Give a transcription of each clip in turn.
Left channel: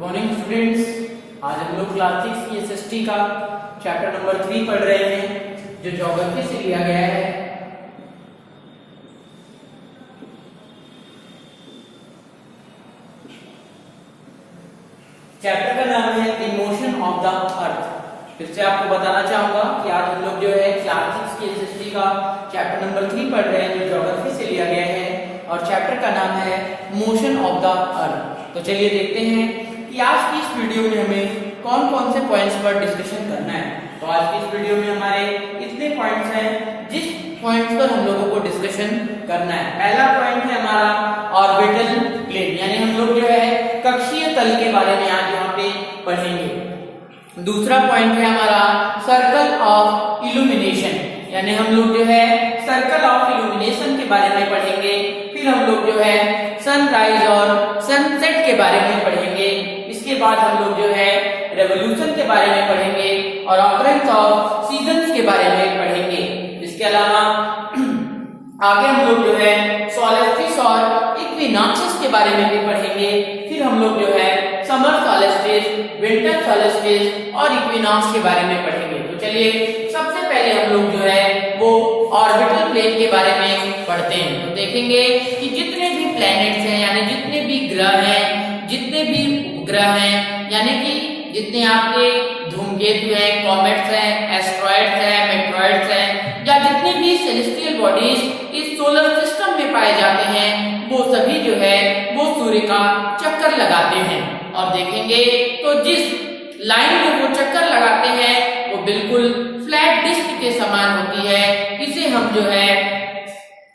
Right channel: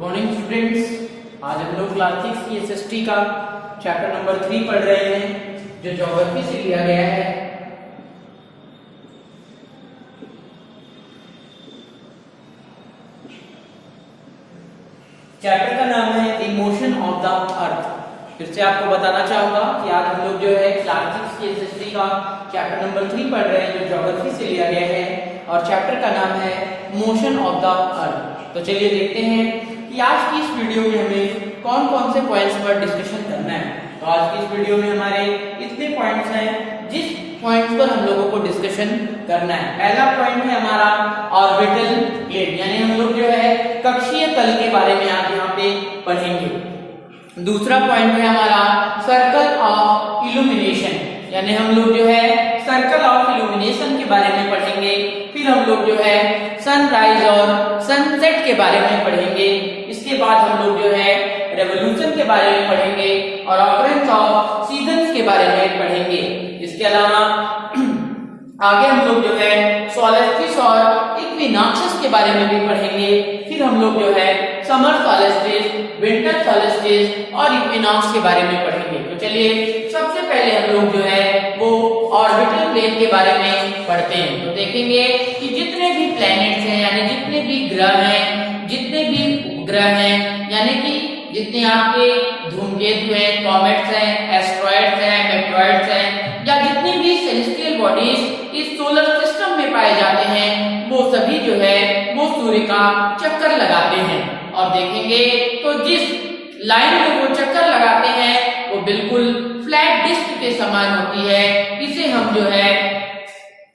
Morning students, आज हम लोग क्लास 6 की एसएसटी का चैप्टर नंबर 3 पढ़ रहे हैं जो ज्योग्राफी से लिया गया है। चैप्टर का नाम है the motion of the earth. फिर से आपको बताना चाहूंगा कि आज हम लोग जो है क्लास 6 की एसएसटी का चैप्टर नंबर 3 पढ़ रहे हैं जो ज्योग्राफी से लिया गया है और चैप्टर का नाम है मोशन ऑफ द अर्थ। तो चलिए देखते हैं कि आज की इस वीडियो में हमें कौन कौन से पॉइंट्स पर डिस्कशन करना है। तो आज की इस वीडियो में हमारे इतने पॉइंट्स हैं जिस पॉइंट्स पर हम लोगों को डिस्कशन करना है। पहला पॉइंट है हमारा ऑर्बिटल प्लेन, यानी हम लोग जो है कक्षीय तल के बारे में आज यहाँ पे पढ़ेंगे। दूसरा पॉइंट है हमारा सर्कल ऑफ इल्यूमिनेशन, यानी हम लोग जो है सर्कल ऑफ इल्यूमिनेशन के बारे में पढ़ेंगे। फिर हम लोग जो है सनराइज और सनसेट के बारे में पढ़ेंगे। इसके बाद हम लोग जो है रेवोल्यूशन के बारे में पढ़ेंगे और ऑकरेंस ऑफ सीजन्स के बारे में पढ़ेंगे। इसके अलावा आगे हम लोग जो है सोलेस्टिस और इक्विनॉक्सेस के बारे में भी पढ़ेंगे। फिर हम लोग जो है समर सोलेस्टिस, विंटर सोलेस्टिस और इक्विनॉक्स के बारे में पढ़ेंगे। तो चलिए सबसे पहले हम लोग जो है वो ऑर्बिटल प्लेन के बारे में पढ़ते हैं। तो देखेंगे कि जितने भी प्लैनेट्स हैं, यानी जितने भी ग्रह हैं, जितने भी उपग्रह हैं, यानी कि जितने आपके धूमकेतु हैं, कॉमेट्स हैं, एस्ट्रॉइड्स हैं, मेट्रॉइड्स हैं, या जितने भी सेलेस्टियल बॉडीज इस सोलर सिस्टम में पाए जाते हैं, वो सभी जो है वो सूर्य का चक्कर लगाते हैं। और देखेंगे तो जिस लाइन में वो चक्कर लगाते हैं वो बिल्कुल फ्लैट डिस्क के समान होती है। इसे हम जो है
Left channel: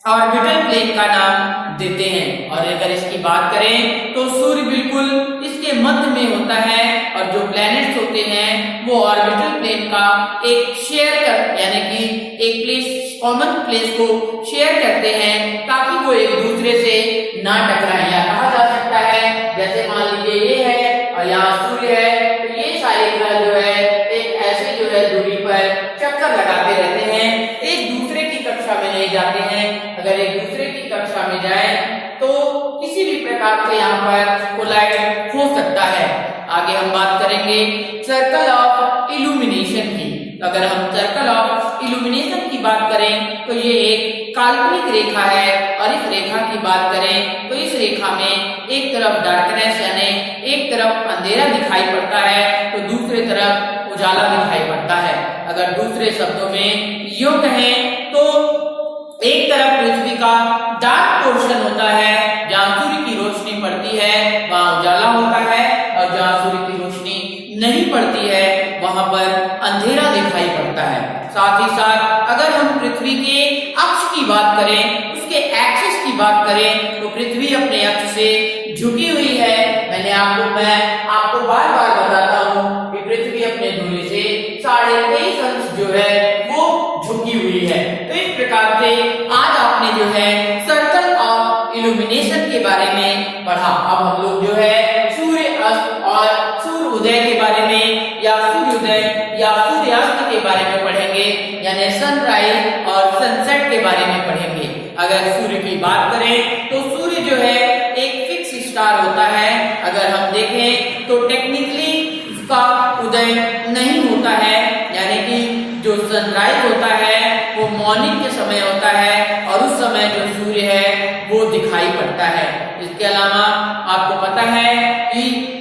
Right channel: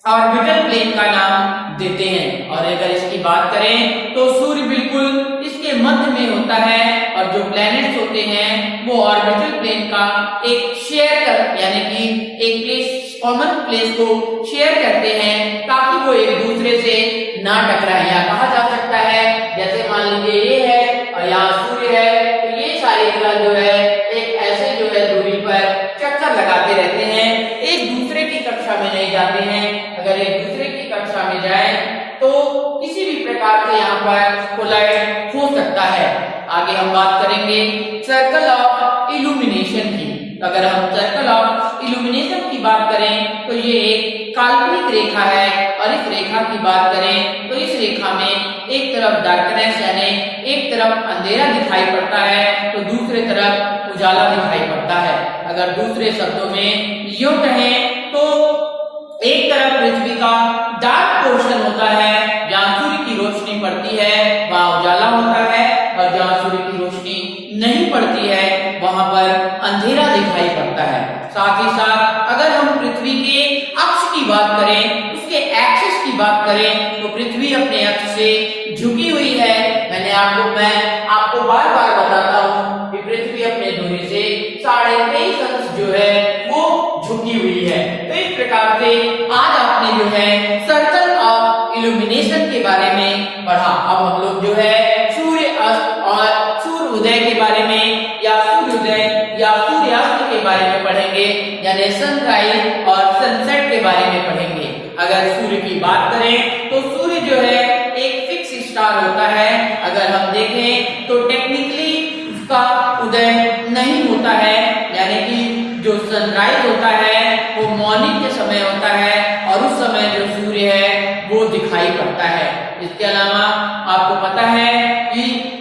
ऑर्बिटल प्लेन का नाम देते हैं। और अगर इसकी बात करें तो सूर्य बिल्कुल इसके मध्य में होता है और जो प्लैनेट्स होते हैं वो ऑर्बिटल प्लेन का एक शेयर कर, यानी कि एक प्लेस, कॉमन प्लेस को शेयर करते हैं ताकि वो एक दूसरे से ना टकराएं। या कहा जा सकता है जैसे मान लीजिए ये है और यहाँ सूर्य है, तो ये सारे ग्रह जो है एक ऐसे जो है दूरी पर चक्कर लगाते रहते हैं, एक दूसरे की कक्षा में नहीं जाते हैं। अगर एक दूसरे की कक्षा में जाए तो किसी भी प्रकार से यहाँ पर कोलाइड हो सकता है। आगे हम बात करेंगे सर्कल ऑफ इल्यूमिनेशन की। अगर हम सर्कल ऑफ इल्यूमिनेशन की बात करें तो ये एक काल्पनिक रेखा है और इस रेखा की बात करें तो इस रेखा में एक तरफ डार्कनेस यानी एक तरफ अंधेरा दिखाई पड़ता है तो दूसरी तरफ उजाला दिखाई पड़ता है। अगर दूसरे शब्दों में यूं कहें तो एक तरफ पृथ्वी का डार्क पोर्शन होता है, जहाँ सूर्य की रोशनी पड़ती है वहाँ उजाला होता है, और जहाँ सूर्य की रोशनी नहीं पड़ती है वहां पर अंधेरा दिखाई पड़ता है। साथ ही साथ अगर हम पृथ्वी के अक्ष की बात करें, उसके एक्सिस की बात करें, तो पृथ्वी अपने अक्ष से झुकी हुई है। मैं आपको बार बार बताता हूँ कि पृथ्वी अपने धुरी से 23.5 अंश जो है वो झुकी हुई है। तो इस प्रकार से आज आपने जो है सर्कल ऑफ इल्यूमिनेशन के बारे में पढ़ा। अब हम लोग जो है सूर्य अस्त और सूर्य उदय के बारे में या सूर्योदय या सूर्यास्त के बारे में पढ़ेंगे, यानी सनराइज और सनसेट के बारे में पढ़ेंगे। अगर सूर्य की बात करें तो सूर्य जो है एक फिक्स स्टार होता है। अगर हम देखें तो टेक्निकली उसका उदय नहीं होता है, यानी कि जो सनराइज होता है वो मॉर्निंग के समय होता है और उस समय जो सूर्य है वो दिखाई पड़ता है। इसके अलावा आपको पता है कि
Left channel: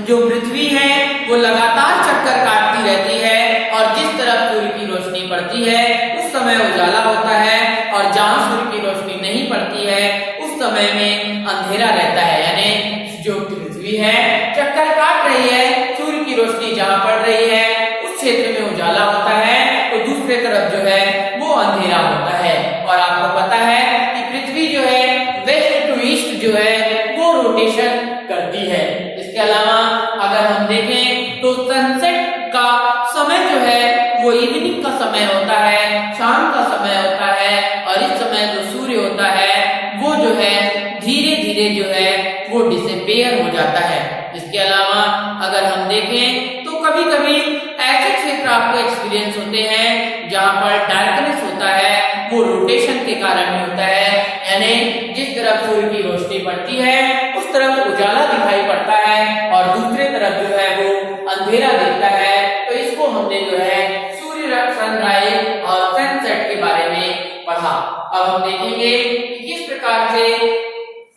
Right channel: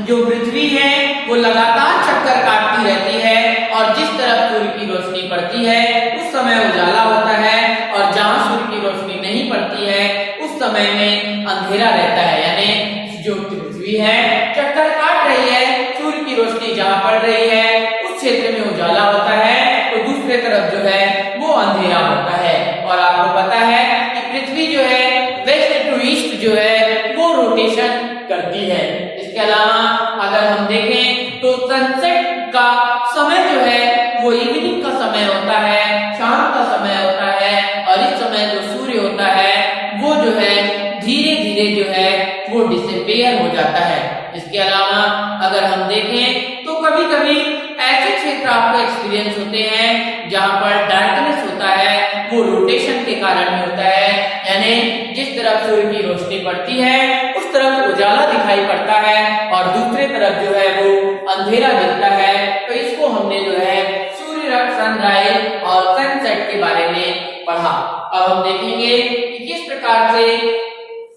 जो पृथ्वी है वो लगातार चक्कर काटती रहती है और जिस तरफ सूर्य की रोशनी पड़ती है उस समय उजाला होता है, और जहाँ सूर्य की रोशनी नहीं पड़ती है उस समय में अंधेरा रहता है। यानी जो पृथ्वी है चक्कर काट रही है, सूर्य की रोशनी जहाँ पड़ रही है उस क्षेत्र में उजाला होता है, तो दूसरे तरफ जो है वो अंधेरा होता है। और आपको पता है कि पृथ्वी जो है वेस्ट टू ईस्ट जो है वो रोटेशन करती है। इसके अलावा अगर हम देखें तो सनसेट का समय जो है वो इवनिंग का समय होता है, शाम का समय होता है, और इस समय जो सूर्य होता है वो जो है धीरे धीरे जो है वो डिसअपीयर हो जाता है। इसके अलावा अगर हम देखें तो कभी कभी ऐसे क्षेत्र आपको एक्सपीरियंस होते हैं जहाँ पर डार्कनेस होता है, वो रोटेशन के कारण होता है, यानी जिस तरफ सूर्य की रोशनी पड़ती है उस कुछ तरफ उजाला दिखाई पड़ता है और दूसरी तरफ जो है वो अंधेरा दिखता है। तो इसको हमने जो है सूर्य सनराइज और सनसेट के बारे में पढ़ा। अब हम देखेंगे कि किस प्रकार से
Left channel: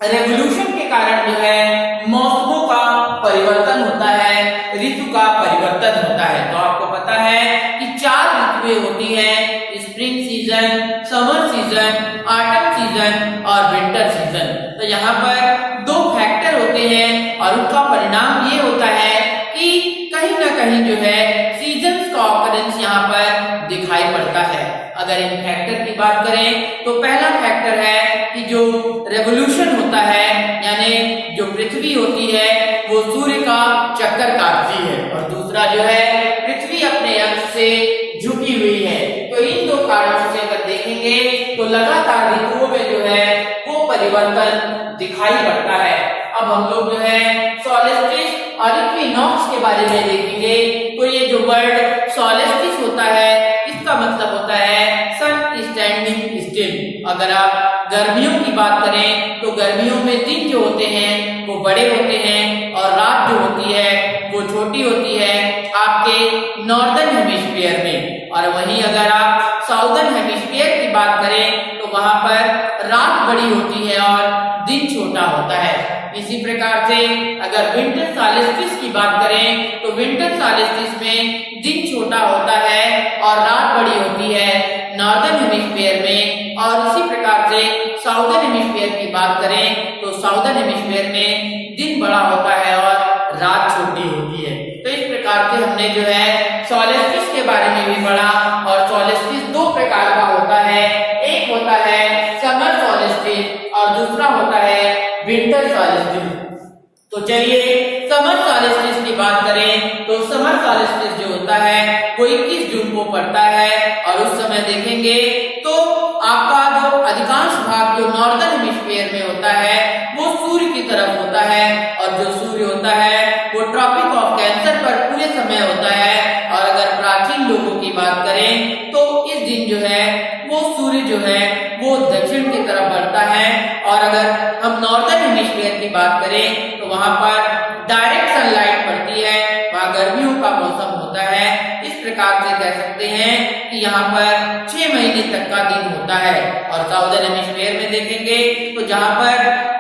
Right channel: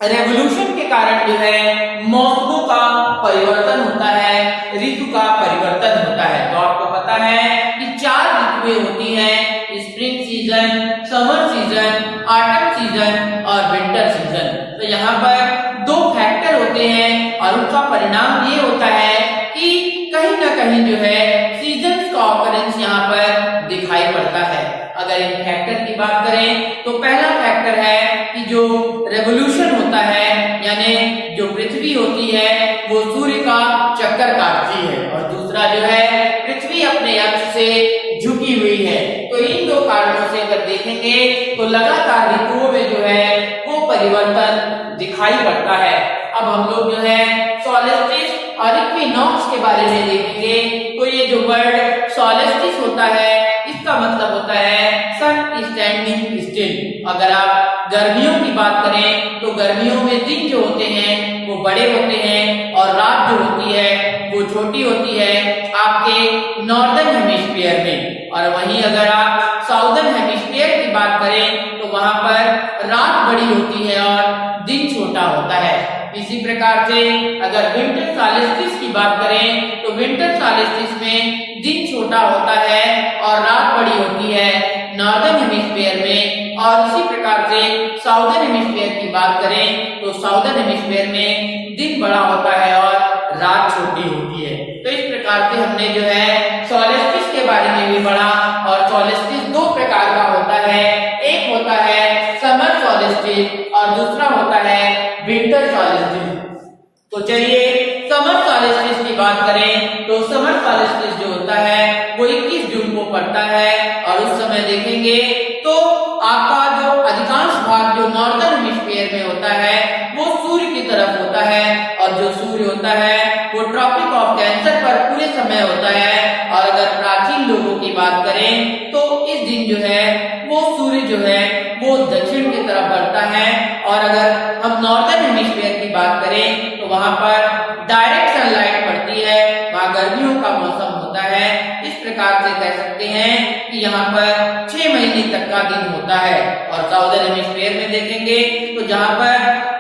रेवोल्यूशन के कारण जो है मौसमों का परिवर्तन होता है, ऋतु का परिवर्तन होता है। तो आपको पता है कि 4 ऋतुएं होती हैं, spring season, summer season, autumn season और विंटर सीजन। तो यहाँ पर 2 फैक्टर होते हैं और उनका परिणाम ये होता है कि कहीं ना कहीं जो है सीजन्स का ऑकरेंस यहाँ पर दिखाई पड़ता है। अगर इन फैक्टर की बात करें तो पहला फैक्टर है कि जो रेवोल्यूशन होता है, यानी जो पृथ्वी होती है वो सूर्य का चक्कर काटती है, और दूसरा जो है पृथ्वी अपने अक्ष से झुकी हुई है। तो इन 2 कारणों से अगर देखेंगे तो लगातार ऋतुओं में जो है वो परिवर्तन दिखाई पड़ता है। अब हम लोग जो है सोलेस्टिस और इक्विनॉक्स के बारे में देखेंगे। तो ये जो वर्ड सोलेस्टिस होता है इसका मतलब होता है सन स्टैंडिंग स्टिल। अगर आप गर्मियों की बात करें तो गर्मियों में दिन जो होते हैं वो बड़े होते हैं और रात जो होती है वो छोटी होती है आपके नॉर्दर्न हेमिस्फीयर में। और वहीं अगर आप साउदर्न हेमिस्फीयर की बात करें तो वहां पर रात बड़ी होती है और दिन छोटा होता है। इसी प्रकार से अगर विंटर सॉल्स्टिस की बात करें तो विंटर सॉल्स्टिस में दिन छोटा होता है और रात बड़ी होती है नॉर्दर्न हेमिस्फीयर में। और इसी प्रकार से साउदर्न हेमिस्फीयर की बात करें तो साउदर्न हेमिस्फीयर में दिन बड़ा होता है और रात छोटी होती है। तो इस प्रकार से हमने जो है सोलेस्टिस के बारे में भी पढ़ा। और सोलेस्टिस 2 प्रकार का होता है, एक होता है समर सोलेस्टिस और दूसरा होता है विंटर सोलेस्टिस। तो चलिए समर सोलेस्टिस की बात करें तो समर सोलेस्टिस जो होता है वो 21 जून को पड़ता है, और उस समय देखेंगे तो आपका जो अधिकांश भाग जो नॉर्दर्न हेमिस्फीयर में होता है वो सूर्य की तरफ होता है, और जो सूर्य होता है वो ट्रॉपिक ऑफ कैंसर पर पूरे समय होता है। और अगर प्राचीन लोगों की बात करें तो इस दिन जो है वो सूर्य जो है वो दक्षिण की तरफ बढ़ता है। और अगर हम नॉर्दर्न हेमिस्फीयर की बात करें तो वहां पर डायरेक्ट सनलाइट पड़ती है, वहां गर्मियों का मौसम होता है। इस प्रकार से कह सकते हैं कि यहाँ पर 6 महीने तक का दिन होता है। और साउदर्न हेमिस्फीयर में देखेंगे तो जहाँ पर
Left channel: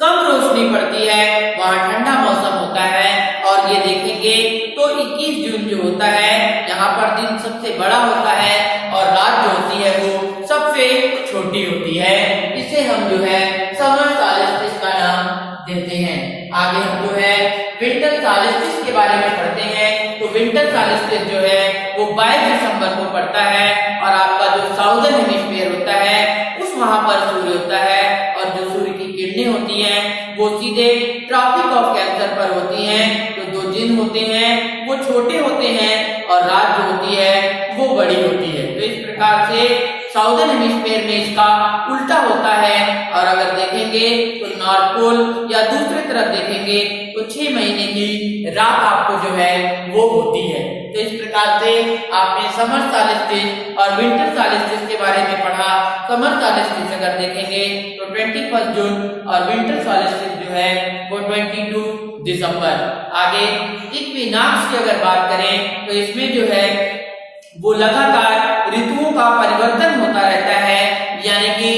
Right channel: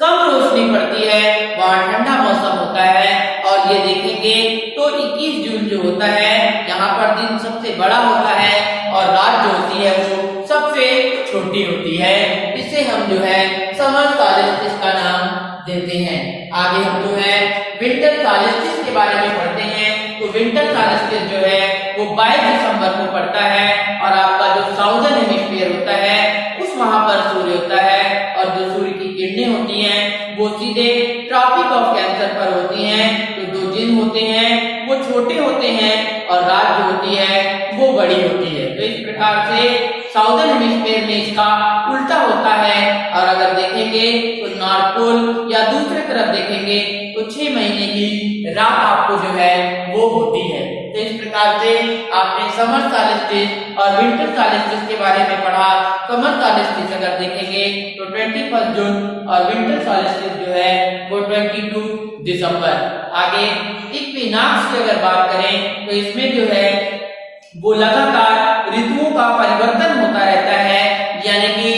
कम रोशनी पड़ती है वहां ठंडा मौसम होता है। और ये देखेंगे तो 21 जून जो होता है यहाँ पर दिन सबसे बड़ा होता है और रात जो होती है वो सबसे छोटी होती है। इसे हम जो है समर सॉल्स्टिस का नाम देते हैं। आगे हम जो है विंटर सॉल्स्टिस के बारे में पढ़ते हैं। तो विंटर सॉल्स्टिस जो है वो 22 दिसंबर को पड़ता है, और आपका जो साउदर्न हेमिस्फीयर होता है उस वहां पर सूर्य होता है, और जो सूर्य की किरणें होती हैं वो सीधे ट्रॉपिक ऑफ कैंसर पर होती हैं। तो 2 दिन होते हैं वो छोटे होते हैं और रात जो होती है वो बड़ी होती है। तो इस प्रकार से साउदर्न हेमिस्फीयर में इसका उल्टा होता है। और अगर देखेंगे तो नॉर्थ पोल या दूसरी तरफ देखेंगे तो 6 महीने की रात आपको जो है वो होती है। तो इस प्रकार से आपने समर सॉल्स्टिस और विंटर सॉल्स्टिस के बारे में पढ़ा। समर सॉल्स्टिस अगर देखेंगे तो 21 जून और विंटर सॉल्स्टिस जो है वो 22 दिसंबर। आगे इक्विनॉक्स की अगर बात करें तो इसमें जो है वो लगातार ऋतुओं का परिवर्तन होता रहता है, यानी कि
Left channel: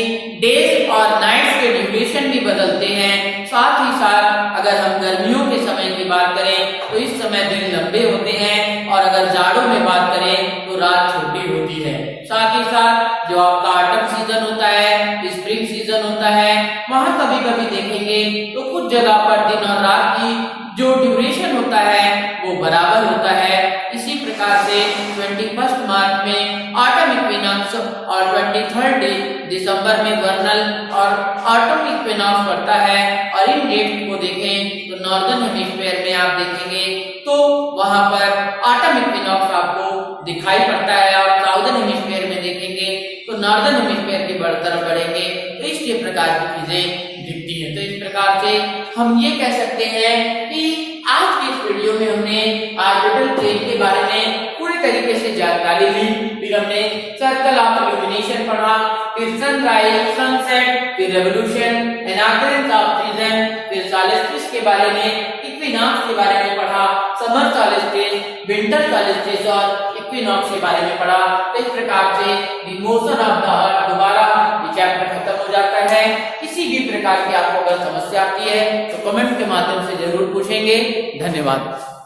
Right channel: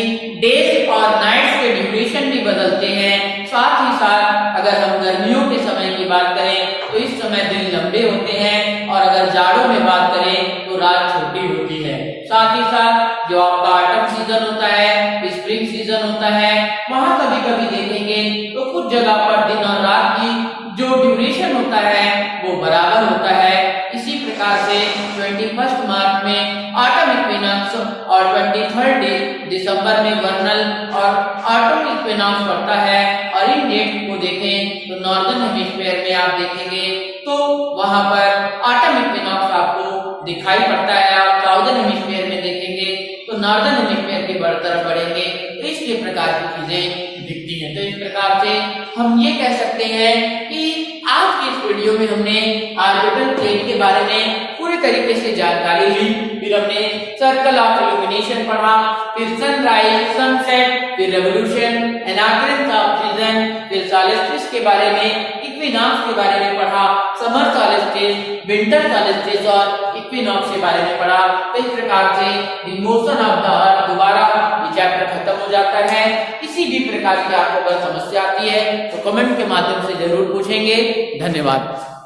डेज और नाइट्स के ड्यूरेशन भी बदलते हैं। साथ ही साथ अगर हम गर्मियों के समय की बात करें तो इस समय दिन लंबे होते हैं, और अगर जाड़ों में बात करें तो रात छोटी होती है। साथ ही साथ जो आपका ऑटम सीजन होता है, स्प्रिंग सीजन होता है, वहां कभी कभी देखेंगे तो कुछ जगह पर दिन और रात की जो ड्यूरेशन होता है वो बराबर होता है। इसी प्रकार से 21 मार्च में ऑटम इक्विनॉक्स और 23 दिसंबर में वर्नल और ऑटम इक्विनॉक्स पड़ता है। और इन डेट को देखें तो नॉर्दर्न हेमिस्फीयर में आप देखेंगे तो वहां पर ऑटम इक्विनॉक्स आपको दिखाई पड़ता है। आप साउदर्न हेमिस्फीयर में देखेंगे तो नॉर्दर्न हेमिस्फीयर की तरफ बढ़ेंगे तो इसके प्रकार की चीजें दिखती हैं। तो इस प्रकार से हम ये कह सकते हैं कि आज की इस वीडियो में हमने ऑर्बिटल प्लेन के बारे में पूरी तरीके से जानकारी ली। फिर हमने सर्कल ऑफ इल्यूमिनेशन पढ़ा, फिर सनराइज, सनसेट, फिर रेवोल्यूशन, एनाग्रेंस ऑफ सीजन, फिर के बारे में, इक्विनॉक्स के बारे में पढ़ा, समर सॉल्स्टिस, विंटर सॉल्स्टिस और इक्विनॉक्स के बारे में पढ़ा। इस प्रकार से the motion of the earth दोबारा ये चैप्टर खत्म हो जाता है। किसी भी प्रकार की आपको अगर समस्या आती है तो कमेंट के माध्यम से जरूर पूछेंगे। धन्यवाद।